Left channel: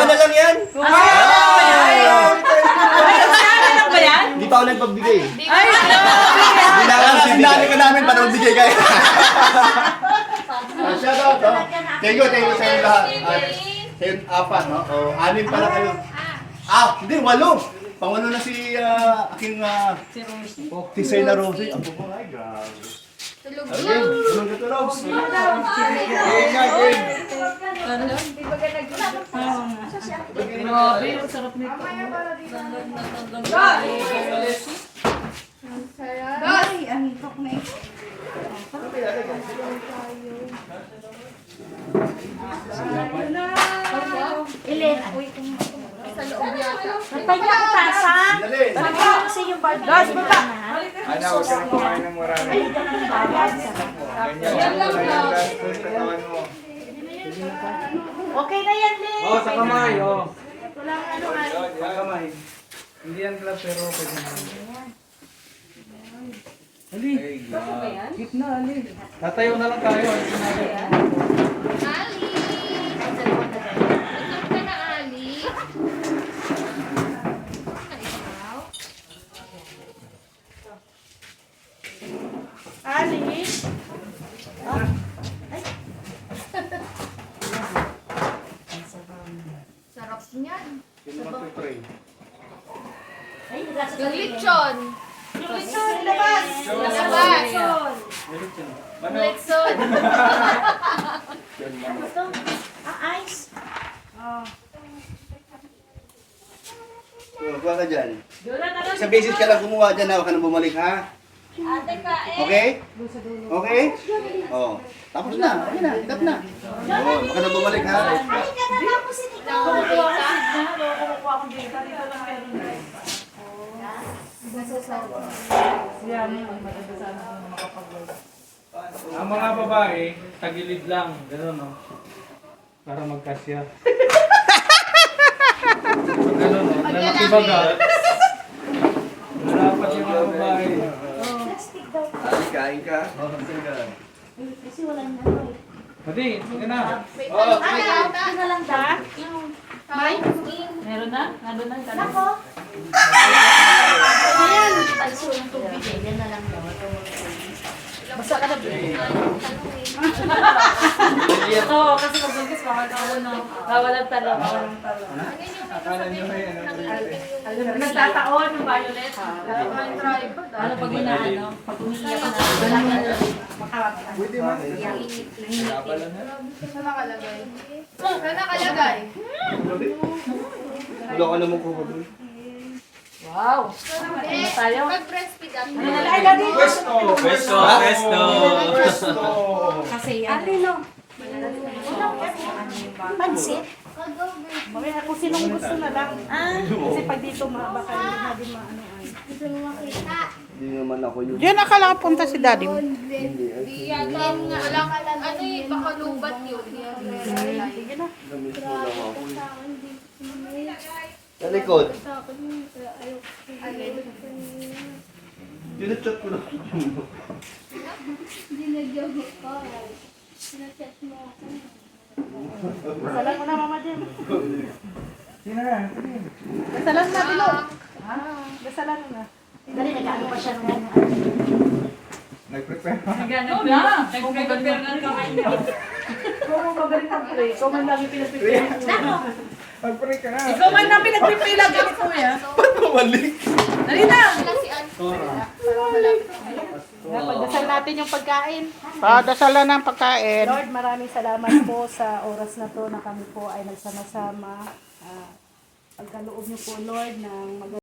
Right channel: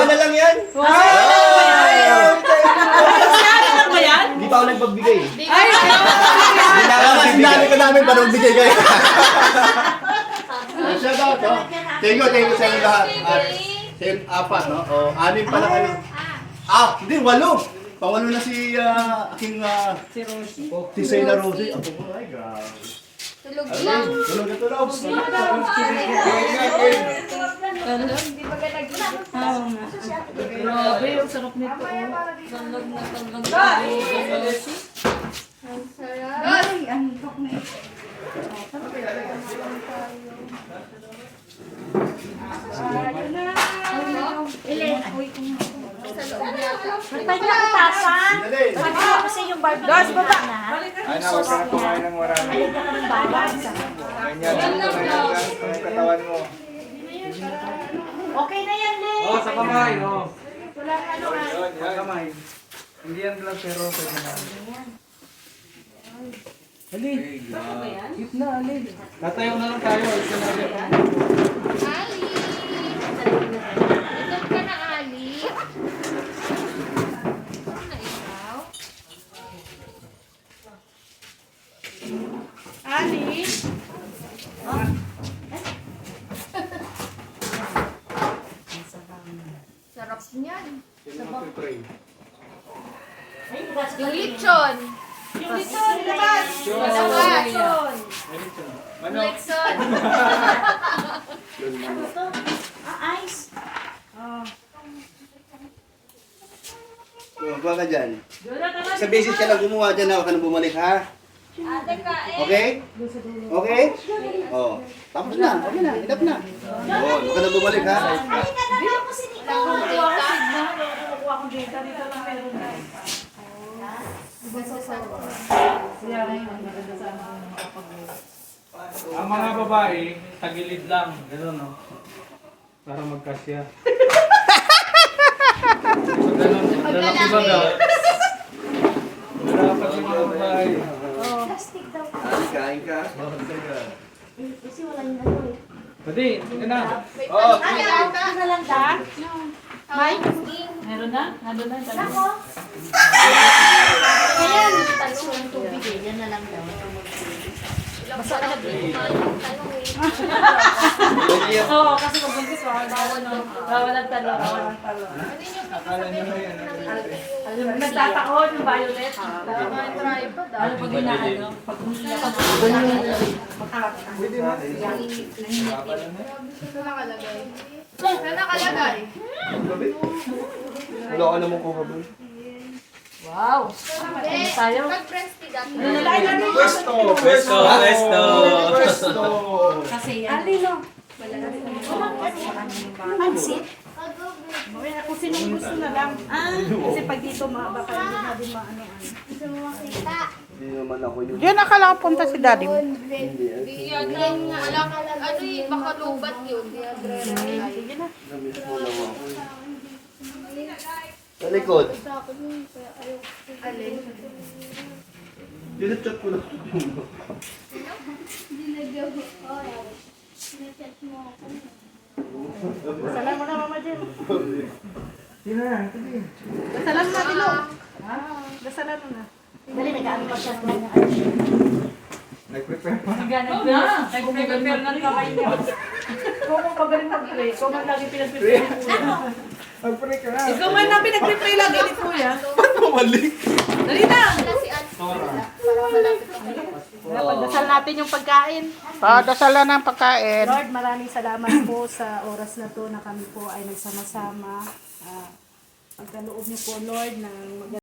Listahan na lang yan. Hindi pa ako nagpagbigay. Hindi na ako nagbibigay. Sinabi ka namin para magbigay kayo. Shout out, no? Thank you sa inyo lahat. Sa inyo apat, no? O, 6 pala kayo. Hindi, 8. Pangwalo na si aking Si Rosie. si Sena Rosie. Ang buburay, grabe. Tulog Ayun, lang. tulog na tulog. Oo nga. Grabe, ang sarap nito. Tanggag na tanggag na. Rosie. Ang sarap. Ay, antok na eh. Sa loob yata. Pwede na utasa. Dali. Sabi ko kasi yung barbecue. Guys, baba. Ay na, huwag ka na kumain ng marami. Ayun ka ng balance. Ganyan, ganyan yung katawan mo. Okay na yan, Lee. Oh, sa kamay, oh. Wala ka ano nga. Sa kamay. Hindi yan vlog pero pwede na. Ali, gitna, Ali. Tatayo na lang tayo. Ali! Inom ka na, Ali. Ikaw? Ali. Sarap niyan. Sino magpipray? Ay, nagasa Yung lechon. Yung lechon, labas. Labas. Ano? Lechon. Ano to? Ice. Huwag ka dyan. Sa basis ka lang gumawa dyan, huwag ka na bumalik, ha? Okay? Okay? Oh. Tapos na. Okay na. Itap na. Oh, huwag ka na bumalik, ha? Ay, kaganaw ko si Nico. Nakuha ko dito. Dito lang meron na. Yan, maganda sana kung makapag-work. Ang mga babae, tagilid lang. Gano'n, no? Para magkasya. Ganun, no? Lalaki baga. Dapat yung mga babae. Plastic daw. Kain ka. Kasi wala niya ano. Pwede, sige na. Ay, ito na lang da. May? Meron na? Ano na? Nako. Ayan. Talsun tubig eh. Yan na lang daw. Basta ka na dito. Talong eh. Oo, kasi magbungkis bawal ang talo. Bawal ang talo. Akala nyo na yan. Nagtataon yung violet. Ano pag inaano? Pag umiiyak na. Pwede man. Saan nakalagay? Saan nakalagay? Wala ka naman kuha doon. Wow! Eh, tayo? mag-breastfeed ako. Pwesto! Pwesto, pwesto. Pwesto! Kasi yan. Ano? Pansit? Mamaya kung sinong gusto na lang. Kasi pag dito baka hindi na din maanoan. Gusto mo makita? Hindi naman ako yun. Diyan nakalapunta si daddy mo. Di yata nga. Ano eh, baka lubat yun. Sige na. Namiss mo lang ako. Sa likod. Alin? Dinachat ko lang. Salam mo na, Mama Jim. Sino na? Salam na, Bilo. Basalan mo na. Dali, nag-ano pa siya ng ano. Nag-prepare pa. Nag-prepare na kamay niya. Kung mo magaling mag-pray, ikaw man lagi pinag-prepare mo. Mag-pray ka na. Ikaw man na pinag-prepare lagi ni Kuya. Ba't bumalik? Dali na! Wala si Ann. Pagdasal natin yung pagkain. Padasalan ng pagkain. Lord, maraming salamat po sa oras na to na kami po ay nagsama-sama. Pagkaloob niyo po, Lord, ng